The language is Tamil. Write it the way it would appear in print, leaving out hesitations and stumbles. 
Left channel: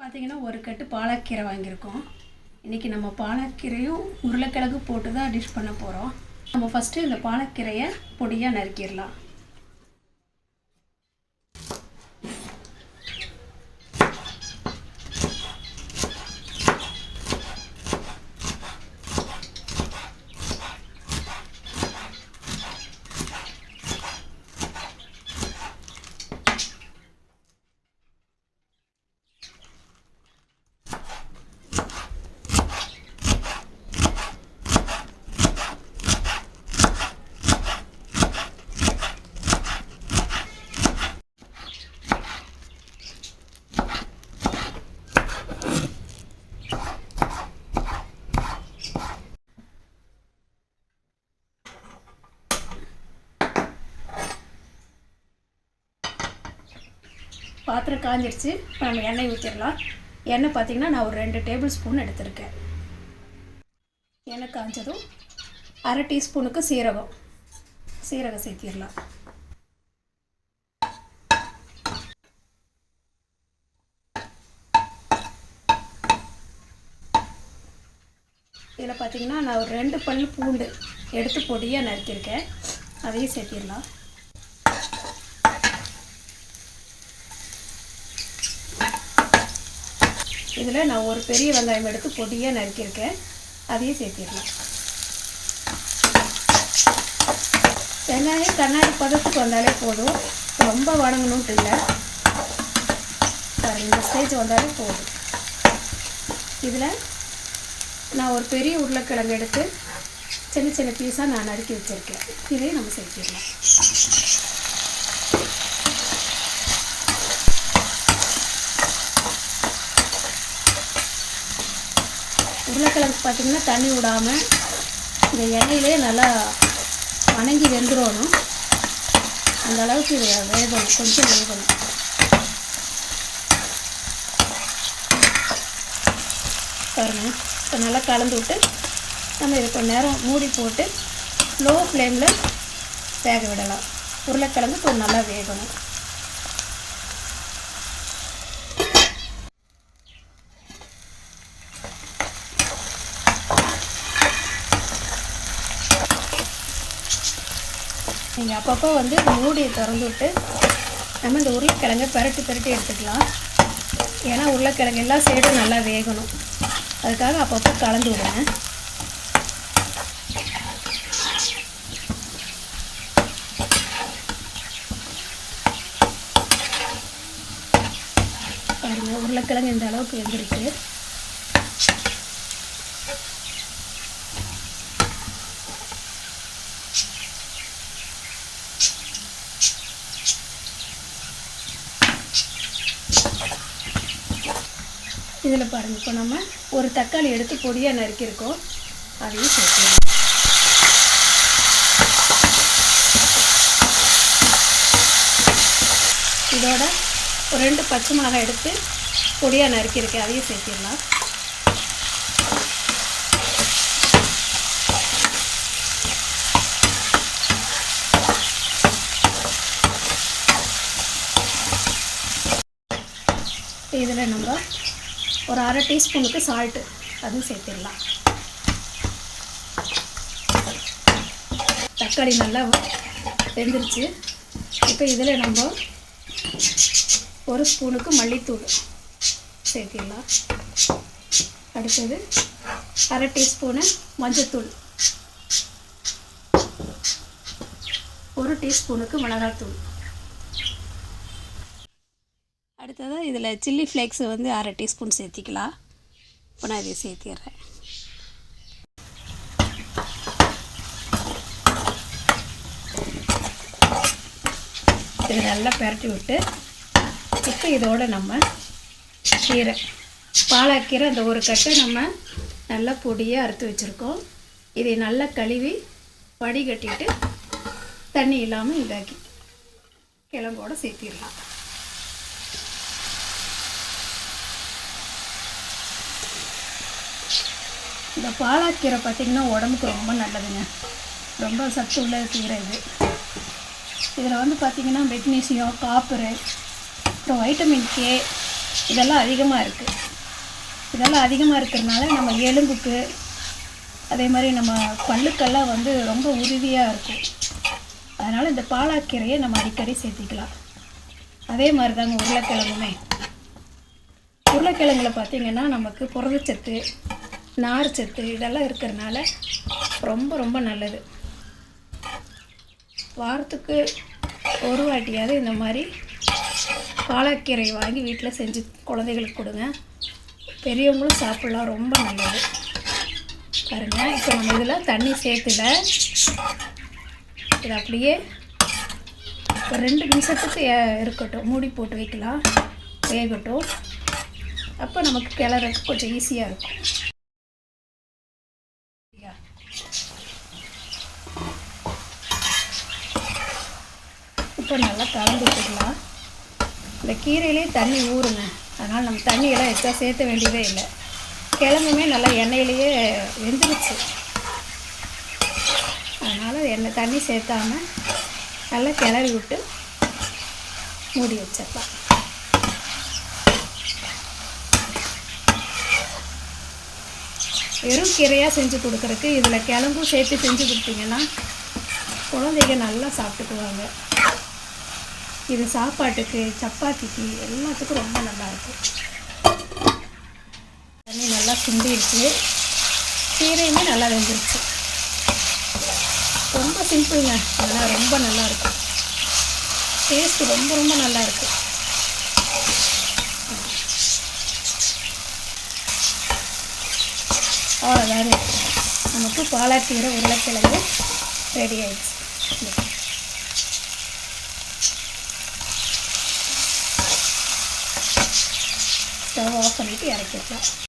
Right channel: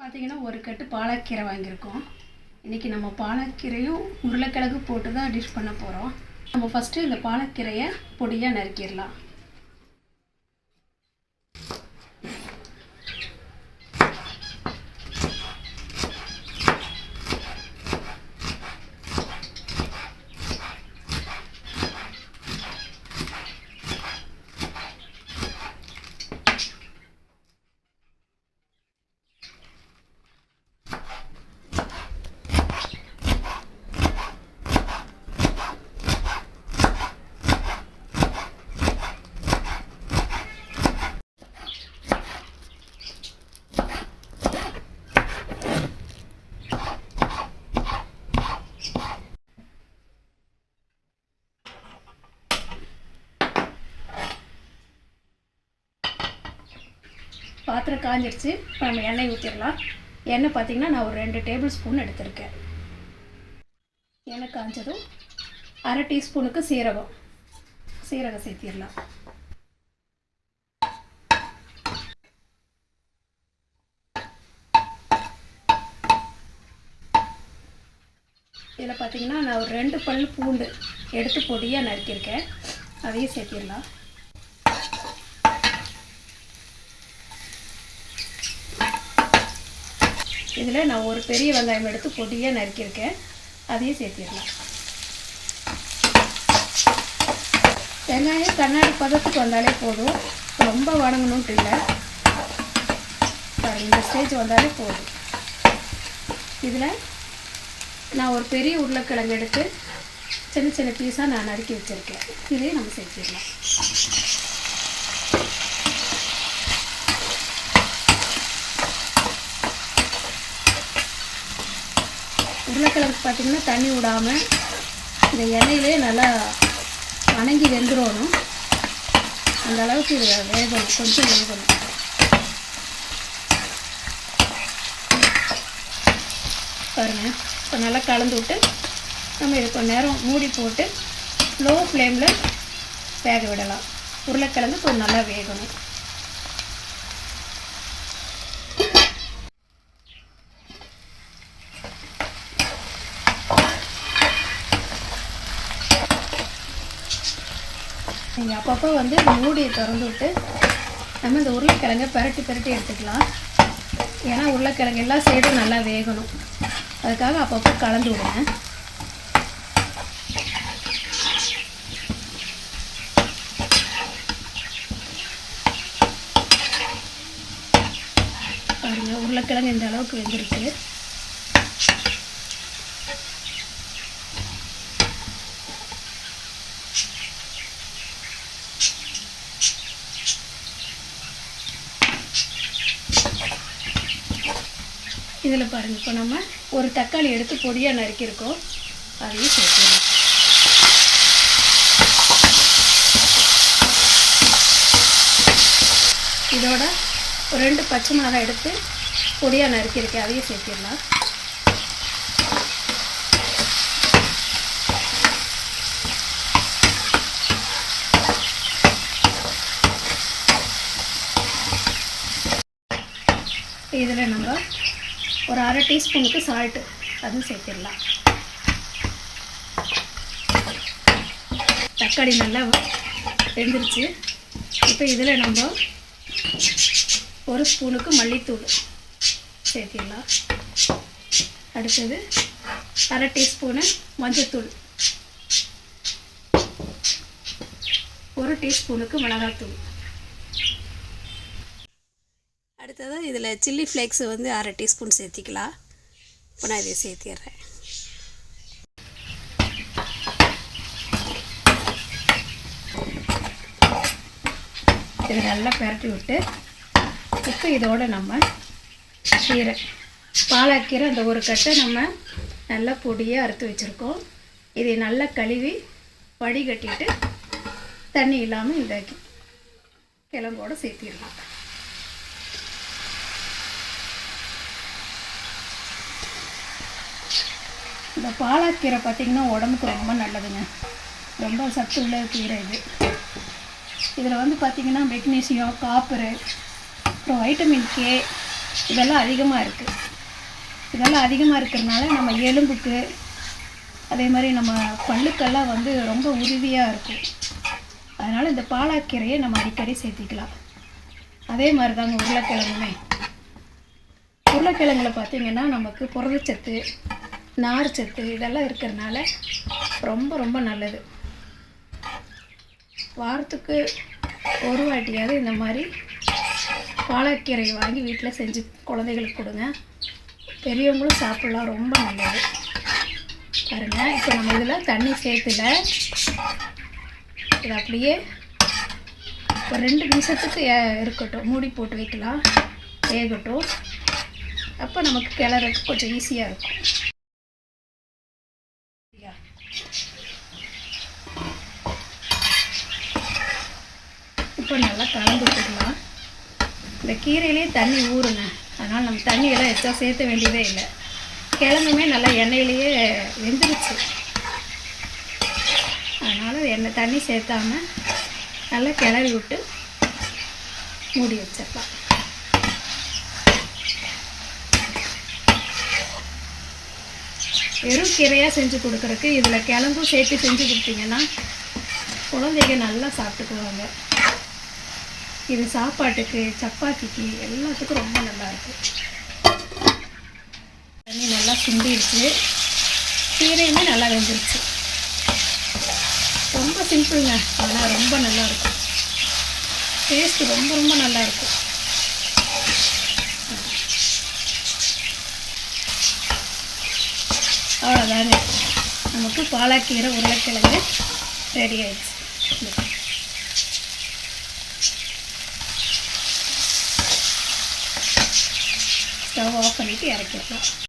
பார்த்திங்கன்னா ஒரு கட்டு பாலக்கீரை வாங்கியிருக்கோம். இன்றைக்கி நம்ம பாலக்கீரையும் உருளைக்கிழங்கு போட்டு தான் டிஷ் பண்ண போகிறோம். நம்ம ஃபஸ்ட்டு இந்த பாலக்கீரையை பொடியாக நறுக்கிடலாம். பாத்திரம் காஞ்சிடுச்சு. இப்போ நம்ம எண்ணெய் ஊற்றிடலாம். எண்ணெய் பார்த்திங்கன்னா நான் ஒரு 2 டேபிள் ஸ்பூன் எடுத்திருக்கேன். எண்ணெய் காஞ்சதும் அரை டீஸ்பூனுக்கு சீரகம் சேர்த்திடலாம். இதில் பார்த்திங்கன்னா நான் ஒரு 2 பல் பூண்டு எடுத்து பொடியாக நறுக்கியிருக்கேன். அதையும் சேர்த்திடலாம். இதில் நான் ஒரு பெரிய வெங்காயம் எடுத்து பொடியாக நறுக்கியிருக்கேன். அதையும் சேர்த்திடலாம். வெங்காயம் கண்ணாடி பதத்துக்கு வந்தாலே போதும், ரொம்ப வதங்கணுன்ட்டு இல்லை. இந்த ஸ்டேஜ் வந்தாலே போதும். இதில் நான் ஒரு பெரிய உருளைக்கிழங்கு எடுத்து சின்ன சின்ன பீஸாக நான் நறுக்கி வச்சுருக்கேன். இதையும் நம்ம சேர்த்திடலாம். உருளைக்கிழங்கு பார்த்திங்கன்னா தண்ணி விடாமல் இந்த எண்ணெயிலே நல்லா வணங்கி வெந்துடணும். அந்த அளவுக்கு இது வேகணும், கொஞ்சம் வேகணும். பாருங்கள், இப்போ நல்லா கலந்து விட்டு நம்ம இது கொஞ்சம் நேரம் மூடி போட்டு லோ ஃப்ளேமில் வேக விடலாம். உருளைக்கிழங்கு கொஞ்சம் நல்லா வேகணும். நீங்கள் அப்பப்போ மூடியை திறந்து விட்டு நம்ம இந்த உருளைக்கிழங்கை பரட்டி எடுத்துக்கலாம். ஏன்னா உருளைக்கிழங்கு எல்லா சைடும் நல்லா வேகணும். அதுக்காக அப்பப்போ கலந்து விடுங்க. பாருங்கள், உருளைக்கிழங்கு இந்த அளவுக்கு வெந்திருக்கு. இதில் பாருங்கள், இப்போ நம்ம ஒரு தக்காளி எடுத்து பொடியாக நறுக்கியிருக்கோம். அதையும் சேர்த்துக்கலாம். இதோட ஒரு 2 பச்சை மிளகாய் எடுத்து பொடியாக நறுக்கியிருக்கேன். அதையும் சேர்த்திடலாம். இதில் நம்ம ஒரு அரை டீஸ்பூனுக்கு சால்ட்டு அதுவும் சேர்த்திடலாம். தக்காளி நல்லா வெந்துருச்சு. இப்போ இதில் நம்ம ஒரு ஸ்பூனுக்கு மல்லித்தூள் சேர்த்திடலாம். அடுத்தது அரை டீஸ்பூனு மஞ்சத்தூள், ஒரு டீஸ்பூனுக்கு மிளகாத்தூள். அடுத்ததாக இதில் சில்லி ஃப்ளேக்ஸ் அரை டீஸ்பூன் சேர்த்திக்கலாம். இப்போ நான் இதை சேர்த்திடுறேன். இதை நல்லா பரட்டி விட்டு இப்போ இதோடு நம்ம கீரை பாலக்கீரை அந்த ஒரு கட்டை நம்ம நல்லா பொடியாக அறுத்து வச்சுருக்கோம். இதை நல்லா கழுவி வடிகட்டிட்டு தண்ணி இல்லாமல் இதாக்கி கிழங்கோடு சேர்த்திடலாம். இந்த பாலக்கீரை பார்த்திங்கன்னா உடம்புக்கு ரொம்ப நல்லதுங்க. ரொம்ப சத்து உள்ள கீரை இது. இதில் பார்த்திங்கன்னா மெக்னீசியம், காப்பரு, அப்புறம் வைட்டமின் கே, இதெல்லாம் அதிகமாக இருக்குது. இதெல்லாம் அதிகமாக இருக்கிறதுனால நம்ம எலும்புக்கு அதே மாதிரி நம்ம பல்லுக்கெல்லாம் வந்து ரொம்ப உறுதியாக இருக்கும். அதனால் இந்த பாலாக்கீரையை நம்ம அடிக்கடி சேர்த்திக்கலாம். அதே மாதிரி தாங்க உருளைக்கிழங்குமே. உருளைக்கிழங்குல பார்த்திங்கன்னா நமக்கு புரதச்சத்து, நார்ச்சத்து இதெல்லாம் இருக்கிறதுனால ரொம்ப ரொம்ப நல்லது. வாரத்துக்கு ஒரு வாட்டியாவது இந்த மாதிரி பாலாக்கீரை வாங்கி வீட்டில் செஞ்சு குழந்தைகளுக்கு கொடுங்க. பெரியவங்களும் சாப்பிட்லாம், ரொம்ப நல்லது. பாருங்கள், இப்போ நம்ம இதில் தண்ணி சேர்த்துல இது அப்படியே ஒரு 2 நிமிஷத்துக்கு இருக்கட்டும், மூடி போட்டு வைக்கலாம், வேகட்டும். அப்போ நமக்கு கிளறதுக்கு கொஞ்சம் ஈஸியாக இருக்கும். இப்போ நல்லா கலந்து விட்டுக்கலாம். இந்த கீரையிலே தண்ணி ஊறுங்க, அதனால் நம்ம தண்ணியெல்லாம் எக்ஸ்ட்ரா சேர்த்த வேண்டியதே இல்லை. கிழங்குமே நல்லா எண்ணெயிலேயே வெந்துருச்சு, அதனால் தண்ணி சேர்த்தாமல் நல்லா கிளறி விட்டு மூடி வச்சிடலாம். வெறும் கீரையாக செஞ்சு கொடுக்குறதுக்கு இதில் கிழங்கும் சேர்த்து செஞ்சு கொடுத்தீங்கன்னா குழந்தைங்க நல்லா சாப்பிட்டுக்குவாங்க. இது சாப்பாட்டுக்கு, சப்பாத்திக்கு எல்லாத்துக்கும் ரொம்ப நல்லாயிருக்கும். தண்ணி நல்லா சுண்டிருச்சு, கீரையுமே நல்லா வெந்துருச்சு. ரொம்ப சிம்பிளுங்க, ஆனால் ரொம்ப நல்லாயிருக்கும். டேஸ்ட்டு ரொம்ப ரொம்ப நல்லாயிருக்கும். அவ்வளோதாங்க, நமக்கு பாலாக்கீரை உருளைக்கிழங்கு ரெடி ஆயிடுச்சு. ஸ்டவ் ஆஃப் பண்ணிவிட்டு இறக்கிடலாம்.